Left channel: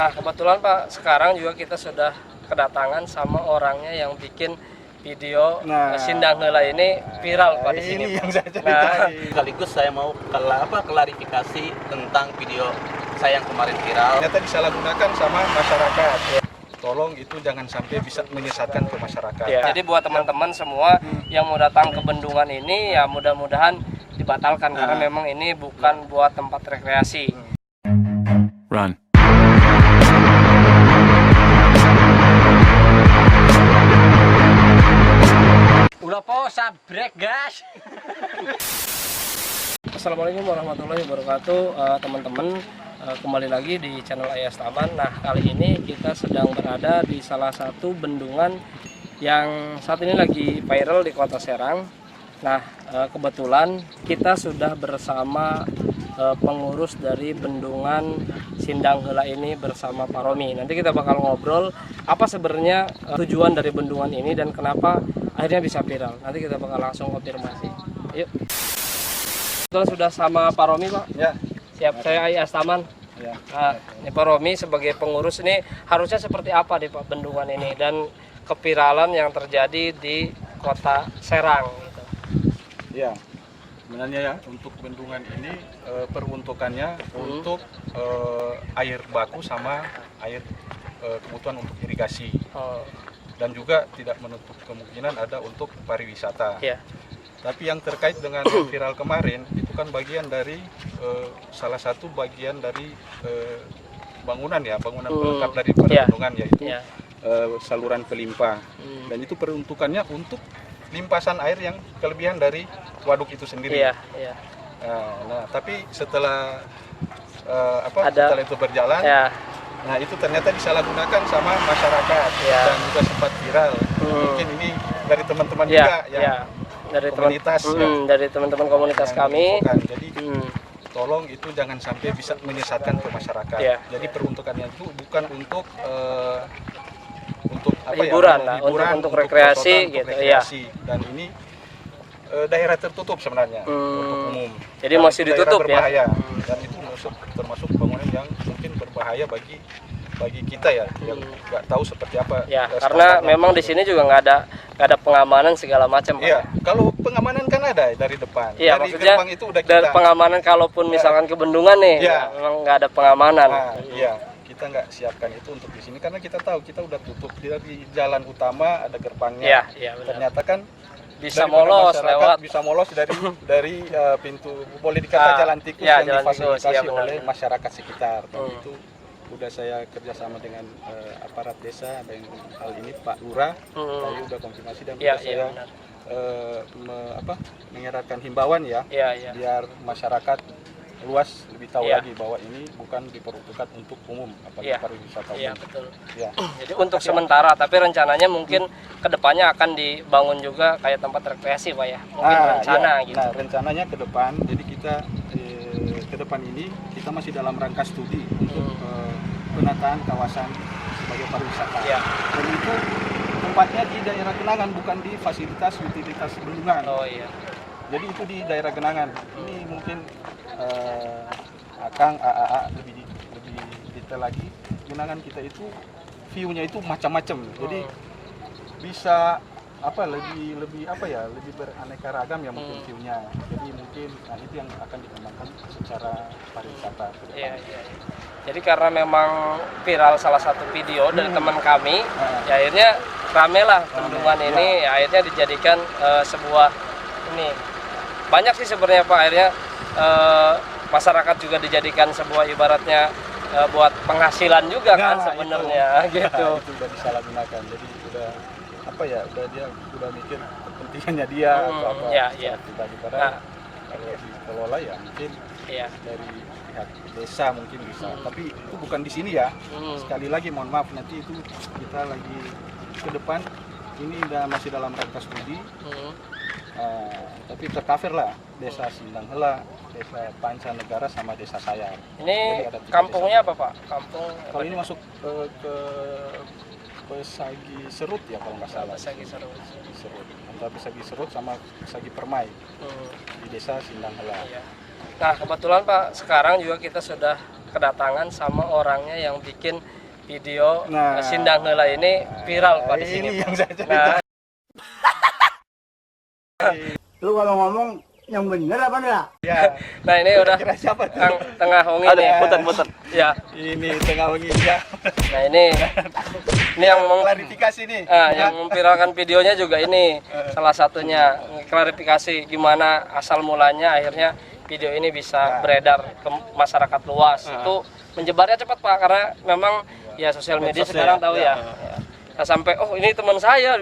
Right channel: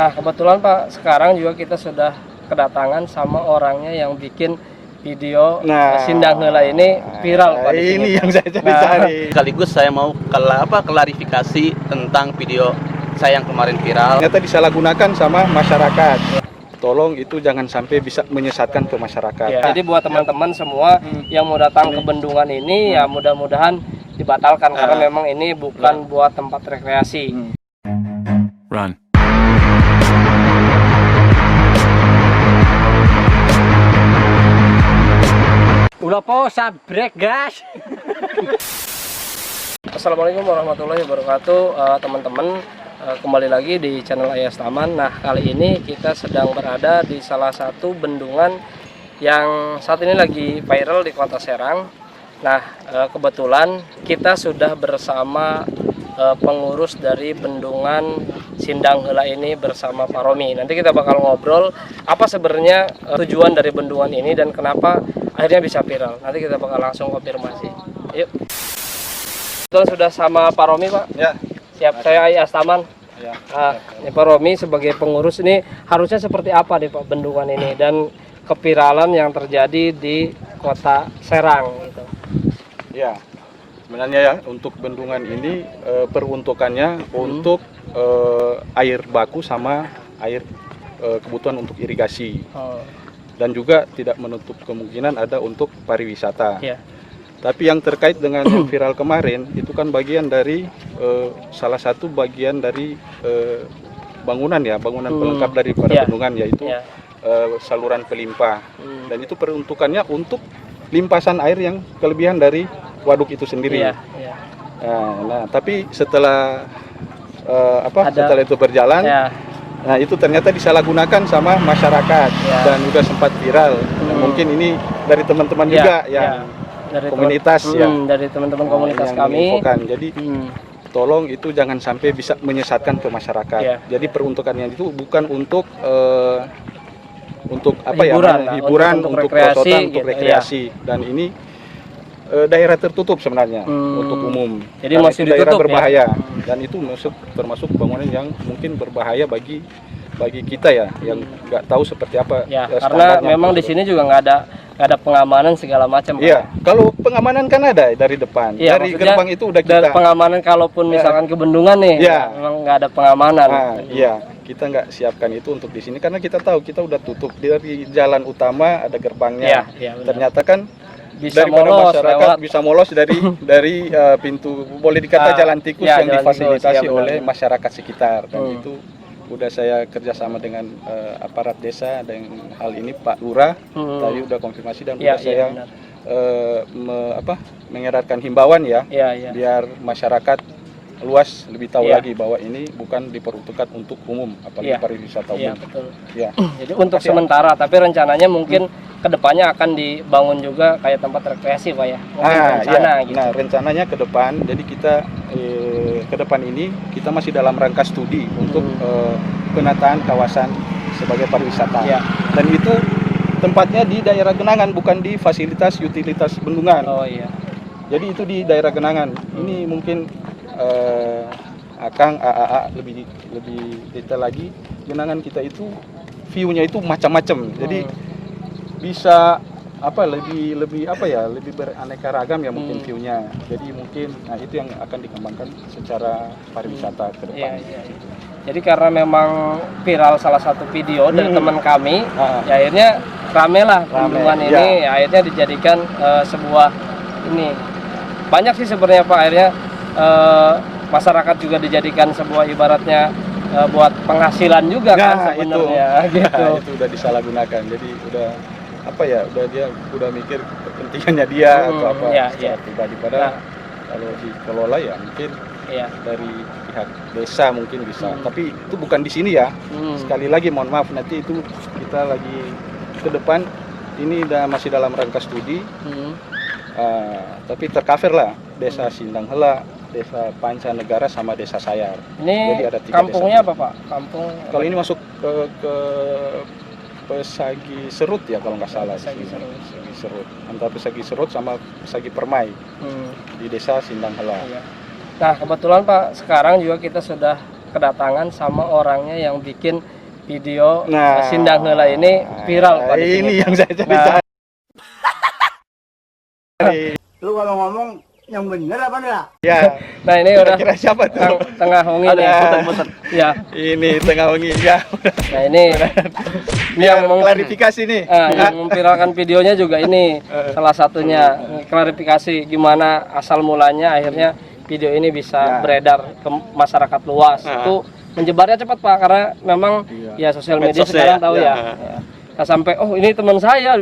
Nah, kebetulan Pak, sekarang juga kita sudah kedatangan sama orangnya yang bikin video Sindang Heula ini viral Pak di sini. Ini yang saya cari. Sekaligus saya mau klarifikasi tentang video saya yang kemarin viral. Ternyata disalahgunakan sama masyarakat. Tolong itu jangan sampai bisa menyesatkan ke masyarakat. Jadi buat teman-teman semua yang mau datang ke bendungan ini ya mudah-mudahan dibatalkan karena memang ini bukan buat tempat rekreasi. Run. Udah po, sabrek gas. Assalamualaikum warahmatullahi wabarakatuh, teman-teman. Kembali lagi di channel Ayas Taman. Nah, kali ini kita sedang berada di salah satu bendungan yang saat ini lagi viral di Kota Serang. Nah, kebetulan kita sudah bersama pengurus dari bendungan Sindang Heula ini bersama Pak Romi. Nanti kita bakal ngobrol apa sebenarnya tujuan dari bendungan ini dan kenapa akhirnya bisa viral. Nanti kita bakal langsung konfirmasi. Yuk. Kebetulan sudah sama Pak Romi, Pak. Ya. Siap, saya Ayas Taman. Ya. Ini Pak Romi sebagai pengurus ini harusnya seperti apa deh Pak bendungan ini dan keviralan yang terjadi di Kota Serang gitu. Ya. Sebenarnya ya untuk bendungan ini peruntukannya untuk air baku sama air kebutuhan untuk irigasi. Dan juga tidak menutup kemungkinan ada untuk pariwisata. Ya. Tapi yang terkait dengan yang viral kemarin itu kan bagian dari salah satu bagian dari bangunan pelengkap dari bendungan yaitu saluran pelimpah. Dan itu peruntukannya untuk limpasan air yang kelebihan dari waduk itu sendiri. Nah, tapi setelah setelah itu berjalan, nah itu ternyata disalahgunakan sama masyarakat dan juga sempat viral. Mungkin ini dari teman-teman juga yang dari komunitas dari teman-teman komunitas yang kami. menginfokan. Jadi tolong itu jangan sampai bisa menyesatkan ke masyarakat. Jadi peruntukannya itu bukan untuk hiburan, untuk perosotan, untuk rekreasi. Dan ini daerah tertutup sebenarnya untuk umum. Jadi karena masih itu daerah ditutup, berbahaya dan itu termasuk bangunan yang mungkin berbahaya bagi kita ya yang nggak tahu seperti apa karena memang di sini juga nggak ada pengamanan segala macam. Iya, kalau pengamanan kan ada dari depan, dari gerbang itu udah kita. Dari pengamanan kalaupun misalkan ke bendungan nih, memang nggak ada pengamanan. Iya, kita nggak siapkan itu untuk di sini karena kita tahu kita udah tutup dari jalan utama ada gerbangnya. Ternyata kan bisa daripada molos, masyarakat bisa molos dari pintu boleh dikata jalan tikus yang difasilitasi oleh masyarakat sekitar dan itu udah saya kerjasama dengan aparat desa dan hal ini Pak Lurah tadi udah konfirmasi dan udah saya mengeratkan himbauan biar masyarakat luas lebih tahu lagi bahwa ini bukan diperuntukkan untuk umum apalagi pariwisata umum. Betul. Jadi untuk sementara tapi rencananya mungkin kedepannya akan dibangun juga kayak tempat rekreasi Pak ya. Gitu. Nah rencananya ke depan jadi kita ke depan ini kita masih dalam rangka studi untuk penataan kawasan sebagai pariwisata. Dan itu tempatnya di daerah genangan bukan di fasilitas utilitas bendungan. Jadi itu di daerah genangan. Ini mungkin Akang AAA lebih detail lagi. Genangan kita itu view-nya itu macam-macam. Jadi bisa lebih beraneka ragam ya mungkin view-nya. Jadi mungkin itu yang akan dikembangkan secara pariwisata ke depan. Jadi karena memang viral salah satu video dari teman kami, ya akhirnya rame lah bendungan ini, akhirnya dijadikan sebuah ini. Banyak sih sebenarnya Pak akhirnya masyarakat juga dijadikan sebuah ibaratnya buat penghasilan juga kan sebenarnya gitu. Itu udah disalahgunakan. Jadi udah dia udah mikir kepentingannya dia atau apa pribadi padahal kalau dikelola ya mungkin dari pihak desa mungkin bisa. Tapi itu bukan di sini ya. Sekali lagi mohon maaf nanti itu kita lagi ke depan ini masih dalam rangka studi. Tapi tercover lah desa Sindang Heula, desa Pancanegara sama desa Sayar. Ini jadi ada kampungnya apa Pak? Kampung kalau ini masuk ke Pesagi Serut ya kalau nggak salah. Pesagi Serut. Antara Pesagi Serut sama Pesagi Permai di desa Sindang Heula. Nah kebetulan Pak sekarang juga kita sudah kedatangan sama orangnya yang bikin video Nah, Sindang Heula ini viral Pak di sini. Ini yang saya cari Nah, tahu. Lu kalau ngomong yang bener apa enggak? Ya, nah ini udah kira siapa tuh? tengah hongi nih. Ada. Ya. Ini tengah wengi ya. Nah ini yang klarifikasi nih. yang memviralkan videonya juga ini salah satunya klarifikasi gimana asal mulanya akhirnya video ini bisa beredar ke masyarakat luas. Itu menyebarnya cepat Pak karena memang ya sosial media Medsos sekarang ya. tahu ya. Nah, sampai oh ini teman saya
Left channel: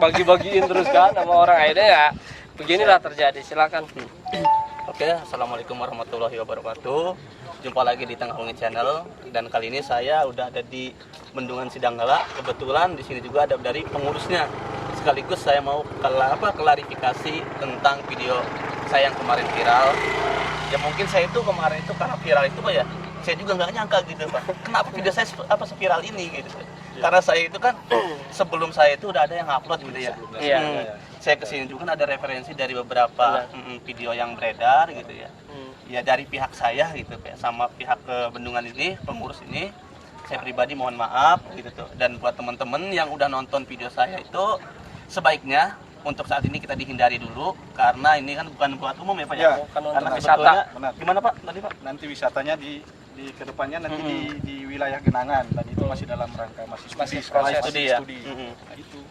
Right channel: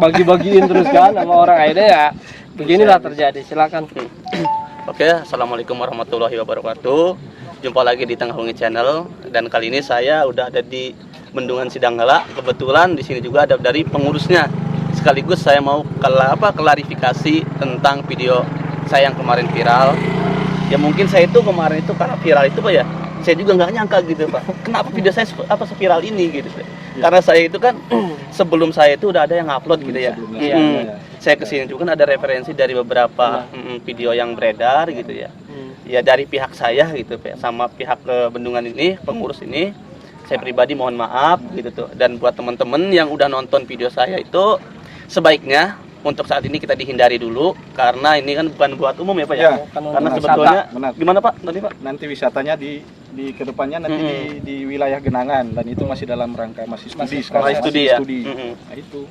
bagi-bagiin terus kan sama orang, akhirnya ya beginilah terjadi. Silakan. Oke, assalamualaikum warahmatullahi wabarakatuh. Jumpa lagi di Tengah Wengi Channel dan kali ini saya udah ada di Bendungan Sindang Heula. Kebetulan di sini juga ada dari pengurusnya. Sekaligus saya mau klarifikasi tentang video saya yang kemarin viral. Ya mungkin saya itu kemarin itu karena viral itu Pak ya. Saya juga nggak nyangka gitu Pak. Kenapa video saya seviral ini gitu. Karena saya itu kan sebelum saya itu udah ada yang upload gitu ya. Saya kesini juga kan ada referensi dari beberapa video yang beredar gitu ya. Ya dari pihak saya gitu Pak, sama pihak bendungan ini, pengurus ini, saya pribadi mohon maaf gitu tuh. Dan buat teman-teman yang udah nonton video saya itu sebaiknya untuk saat ini kita dihindari dulu karena ini kan bukan buat umum ya Pak ya. Karena sebetulnya gimana Pak tadi Pak? Nanti wisatanya di kedepannya nanti di wilayah Genangan dan itu masih dalam rangka masih studi sekarang. Studi ya. Nah itu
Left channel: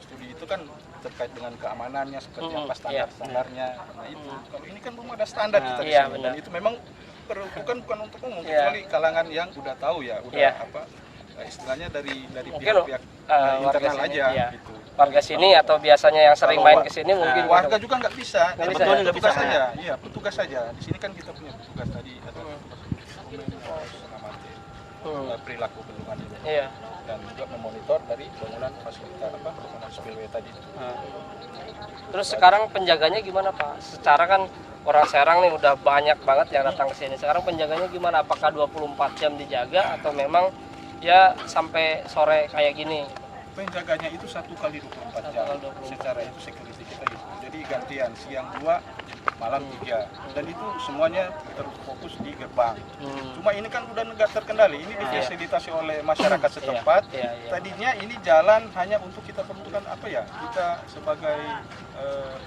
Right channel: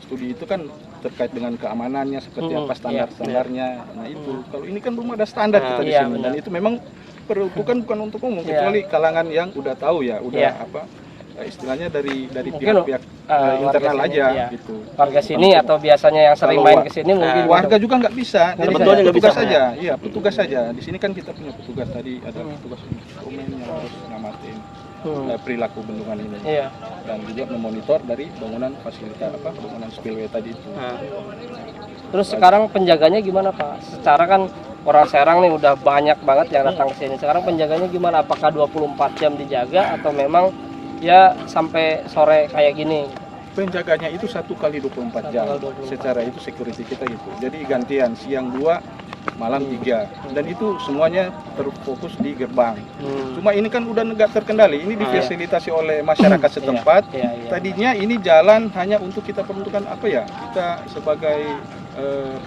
studi itu kan terkait dengan keamanannya seperti apa standar-standarnya. Nah itu kalau ini kan belum ada standar kita di sini dan itu memang peruntukan bukan untuk umum kecuali kalangan yang udah tahu ya, udah apa istilahnya dari pihak-pihak internal aja gitu. Warga sini atau biasanya yang sering main ke sini mungkin warga juga nggak bisa. Jadi sebetulnya nggak petugas bisa, saja. Iya, petugas saja. Di sini kan kita punya petugas tadi ada petugas instrumen yang harus ngamatin perilaku bendungan ini. Iya. Dan juga memonitor dari bangunan fasilitas bangunan spillway tadi itu. Terus sekarang penjaganya gimana Pak? Secara kan orang Serang nih udah banyak banget yang datang ke sini. Sekarang penjaganya gimana? Apakah 24 jam dijaga atau memang ya sampai sore kayak gini? Penjaganya itu 1 kali 24 jam. Secara itu security kita gitu. Jadi gantian siang 2, malam 3. Dan itu semuanya terfokus di gerbang. Cuma ini kan udah nggak terkendali. Ini difasilitasi oleh masyarakat setempat. Tadinya ini jalan hanya untuk kita peruntukan apa ya? Kita sebagai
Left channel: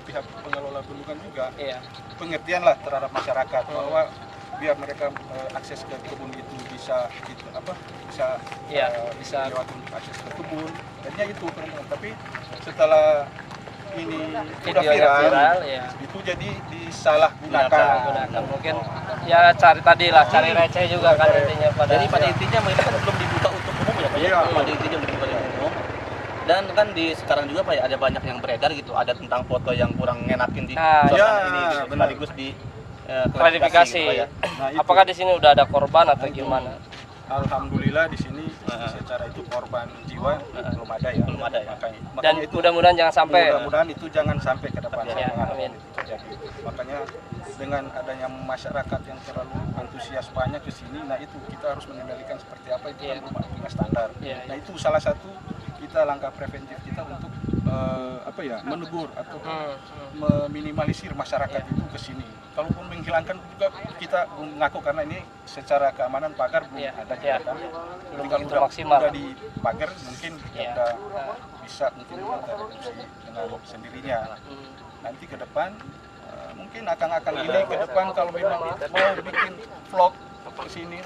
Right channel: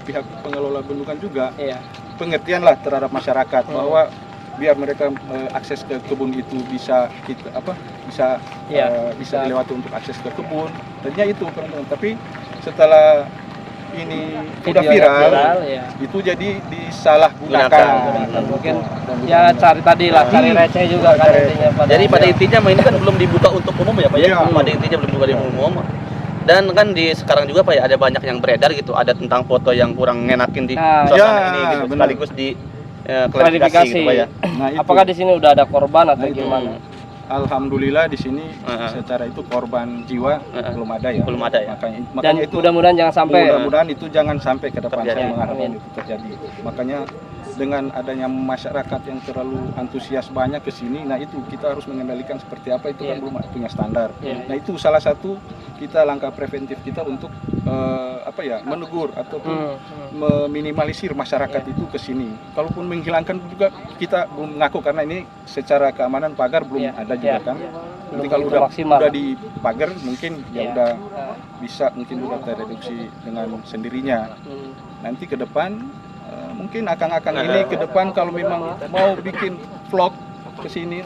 pihak pengelola bendungan juga pengertian lah terhadap masyarakat bahwa biar mereka akses ke kebun itu bisa kita bisa dilewati untuk akses ke kebun. Tadinya itu peruntukan, tapi setelah ini udah viral itu jadi disalahgunakan. Mungkin ya cari tadi lah, cari receh juga kan intinya. Jadi pada intinya ini kan belum dibuka untuk umum ya Pak ya. Pada intinya belum dibuka untuk umum. Dan kan di sekarang juga Pak ya ada banyak yang beredar gitu, ada tentang foto yang kurang ngenakin di suasana ini gitu. Sekaligus di klarifikasi gitu, Pak ya. Nah, apakah di sini udah ada korban atau gimana? Alhamdulillah di sini secara itu korban jiwa belum ada ya. Belum ada ya. Makanya itu mudah-mudahan jangan sampai. Mudah-mudahan itu jangan sampai ke depan terjadi, saya mengharapkan itu terjadi. Makanya dengan adanya masyarakat yang terlalu antusias banyak ke sini, nah itu kita harus mengendalikan seperti apa itu kan belum punya standar. Nah itu salah satu kita langkah preventif kita untuk menegur ataupun meminimalisir masyarakat itu ke sini. Kalaupun menghilangkan juga kita belum ngaku karena ini secara keamanan pagar belum ada juga kan. Nanti kalau udah dipagar mungkin udah bisa mungkin udah tereduksi dengan sendirinya. Nanti ke depan mungkin akang-akang ini ke depan kalau memang mau bikin vlog ke sini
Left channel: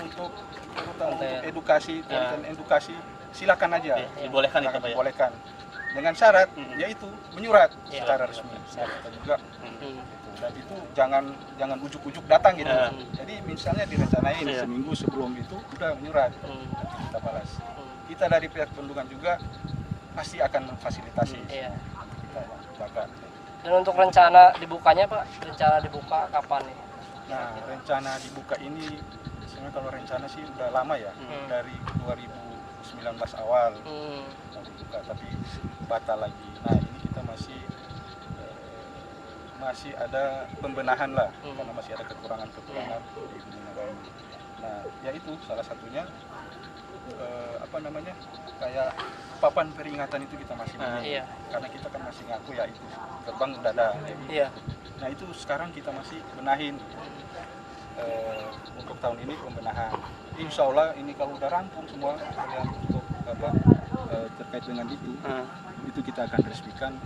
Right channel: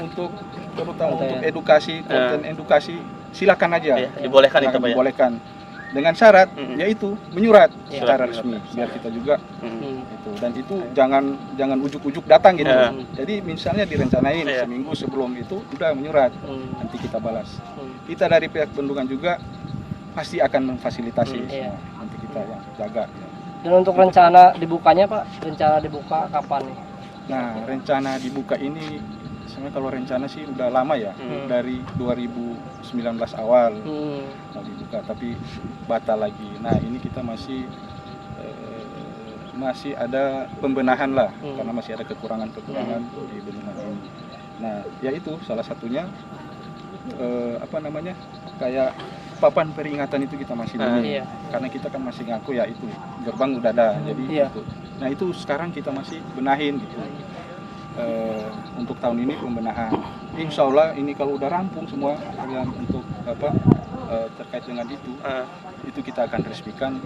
terutama untuk edukasi, konten edukasi, silakan aja. Dibolehkan itu Pak ya. Dibolehkan. Dengan syarat yaitu menyurat secara resmi biar kita juga itu, dan itu jangan ujuk-ujuk datang gitu. Jadi misalnya direncanain seminggu sebelum itu udah menyurat, nanti kita balas. Kita dari pihak bendungan juga pasti akan memfasilitasi nanti kita yang jaga. Dan untuk rencana dibukanya Pak, rencana dibuka kapan nih? Nah rencana dibuka ini sebenarnya kalau rencana sih udah lama ya, dari 2019 awal mau dibuka tapi batal lagi. Nah ini kita masih ada pembenahan lah karena masih ada kekurangan-kekurangan di bendungan ini. Nah ya itu salah satunya kayak papan peringatan itu kita masih minim karena kita kan masih ngaku ya itu gerbang udah ada jadi itu. Nah itu sekarang kita masih benahin gitu. Untuk tahun ini pembenahan. Insya Allah ini kalau udah rampung semua kalian untuk apa terkait dengan itu kita akan resmikan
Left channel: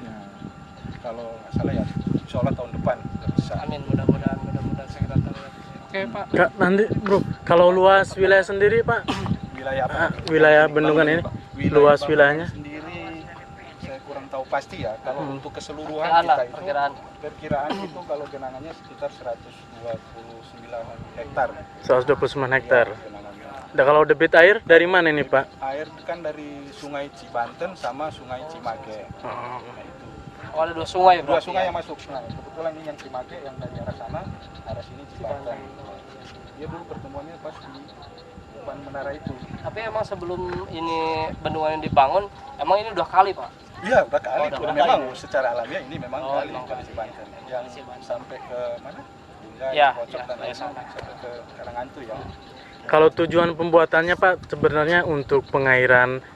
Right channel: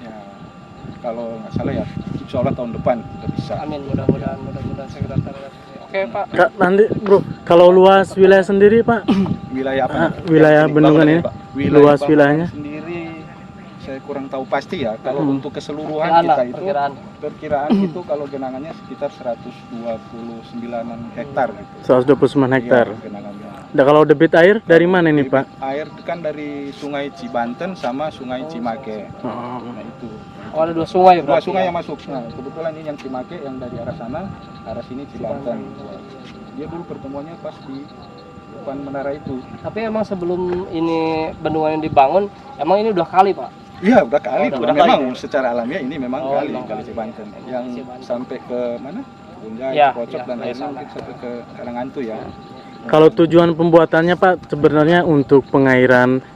ya, kalau nggak salah ya Insya Allah tahun depan udah bisa. Amin, mudah-mudahan sekretariat. Oke Pak. Kak, nanti bro, kalau luas wilayah sendiri Pak, Wilayah apa? wilayah Yang bendungan dibangun ini, Pak? luas bangunan wilayahnya sendiri saya kurang tahu pasti ya. Kalau untuk keseluruhan Perkiraan kita lah, itu perkiraan. itu kalau genangannya sekitar 129 hektar gitu. 129 hektar. Iya, genangannya. Nah, kalau debit air dari mana nih Pak? Air kan dari Sungai Cibanten sama Sungai Cimake. Nah itu. Oh, ada 2 sungai Dua berarti. sungai ya? yang masuk. Nah kebetulan ini yang Cimake yang dari arah sana, arah sini Cibanten. Dia dulu pertemuannya pas di depan menara itu. Tapi emang sebelum ini bendungan yang dibangun, emang ini udah kali Pak? Iya udah kali. Oh, udah memang kali. secara alamiah ini memang kali memang kali kali. Cibanten. Emang Yang Cibanten. sampai ke mana? Bunjai, Ya, Cikocok ya, dan ya, akhirnya sana. mungkin sampai ke Karangantu ya. Kalau tujuan pembuatannya Pak sebenarnya untuk pengairan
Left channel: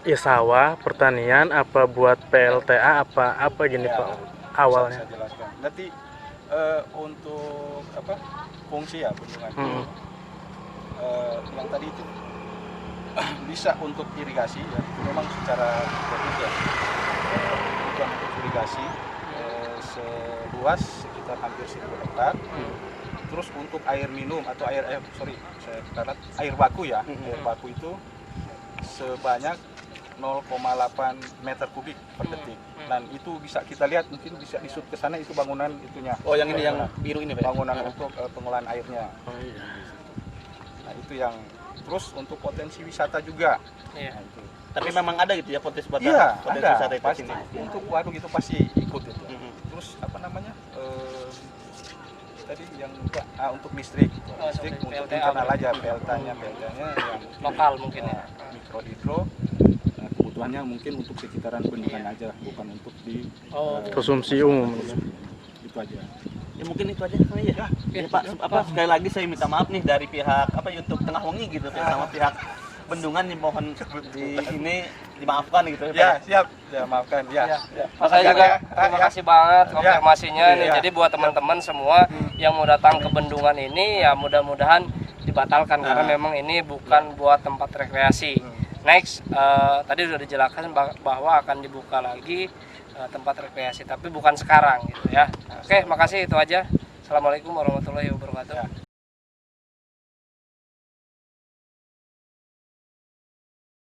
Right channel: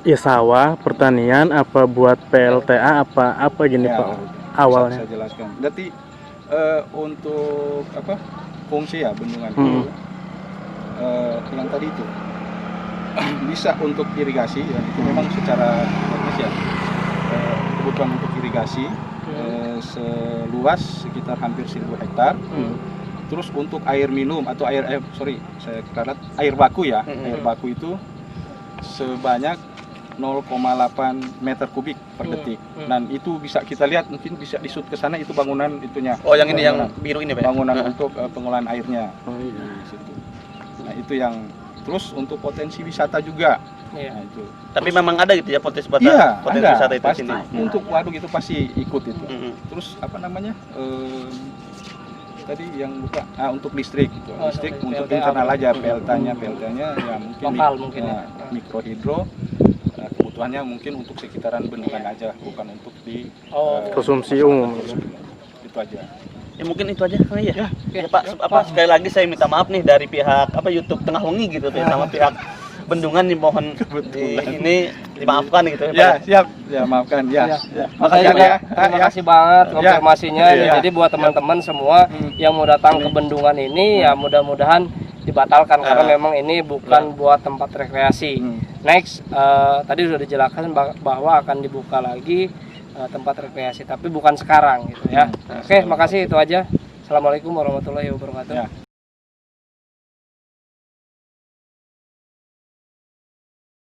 ya sawah, pertanian, apa buat PLTA, apa gini Ya, Pak bisa awalnya? saya jelaskan. Berarti untuk apa fungsi ya bendungan itu yang tadi itu bisa untuk irigasi dan itu memang secara teknis ya kebutuhan untuk irigasi seluas sekitar hampir 1000 hektar. Terus untuk air minum atau air baku ya, air baku itu sebanyak 0,8 meter kubik per detik. Dan itu bisa kita lihat mungkin bisa disut ke sana itu bangunan itunya. Oh, yang ini yang biru ini Pak. Bangunan untuk pengolahan airnya. Oh iya. Di situ. Nah, itu yang terus untuk potensi wisata juga. Iya. Nah, itu. Tapi memang ada gitu ya potensi Iya, ada wisata itu pasti. sini. Untuk waduk itu pasti ikut itu. Mm-mm. Terus apa namanya? Tadi yang lupa untuk listrik gitu. Oh, Listrik untuk untuk PLTA internal berarti. aja, PLTA-nya ya mungkin Lokal mungkin ya. mikrohidro. Kebutuhannya mungkin untuk sekitaran bendungan aja, bukan untuk di Konsumsi umum. itu aja. Ya mungkin itu aja kali ya. Ya, Ya, Pak, sekali lagi saya minta maaf nih dari pihak YouTube Tengah Wengi gitu ya, sama pihak bendungan dimohon ini dimaafkan gitu ya. Pak. Ya, siap. Ya, maafkan ya. Makanya juga terima kasih banget konfirmasinya. Ya. Jadi buat teman-teman semua yang mau datang ke bendungan ini ya mudah-mudahan dibatalkan karena memang ini bukan buat tempat rekreasi. Next, tadi sudah dijelaskan bahwa akan dibuka lagi tempat rekreasi, tapi bukan sekarang gitu ya. Oke, makasih itu aja. Assalamualaikum warahmatullahi wabarakatuh. Ya.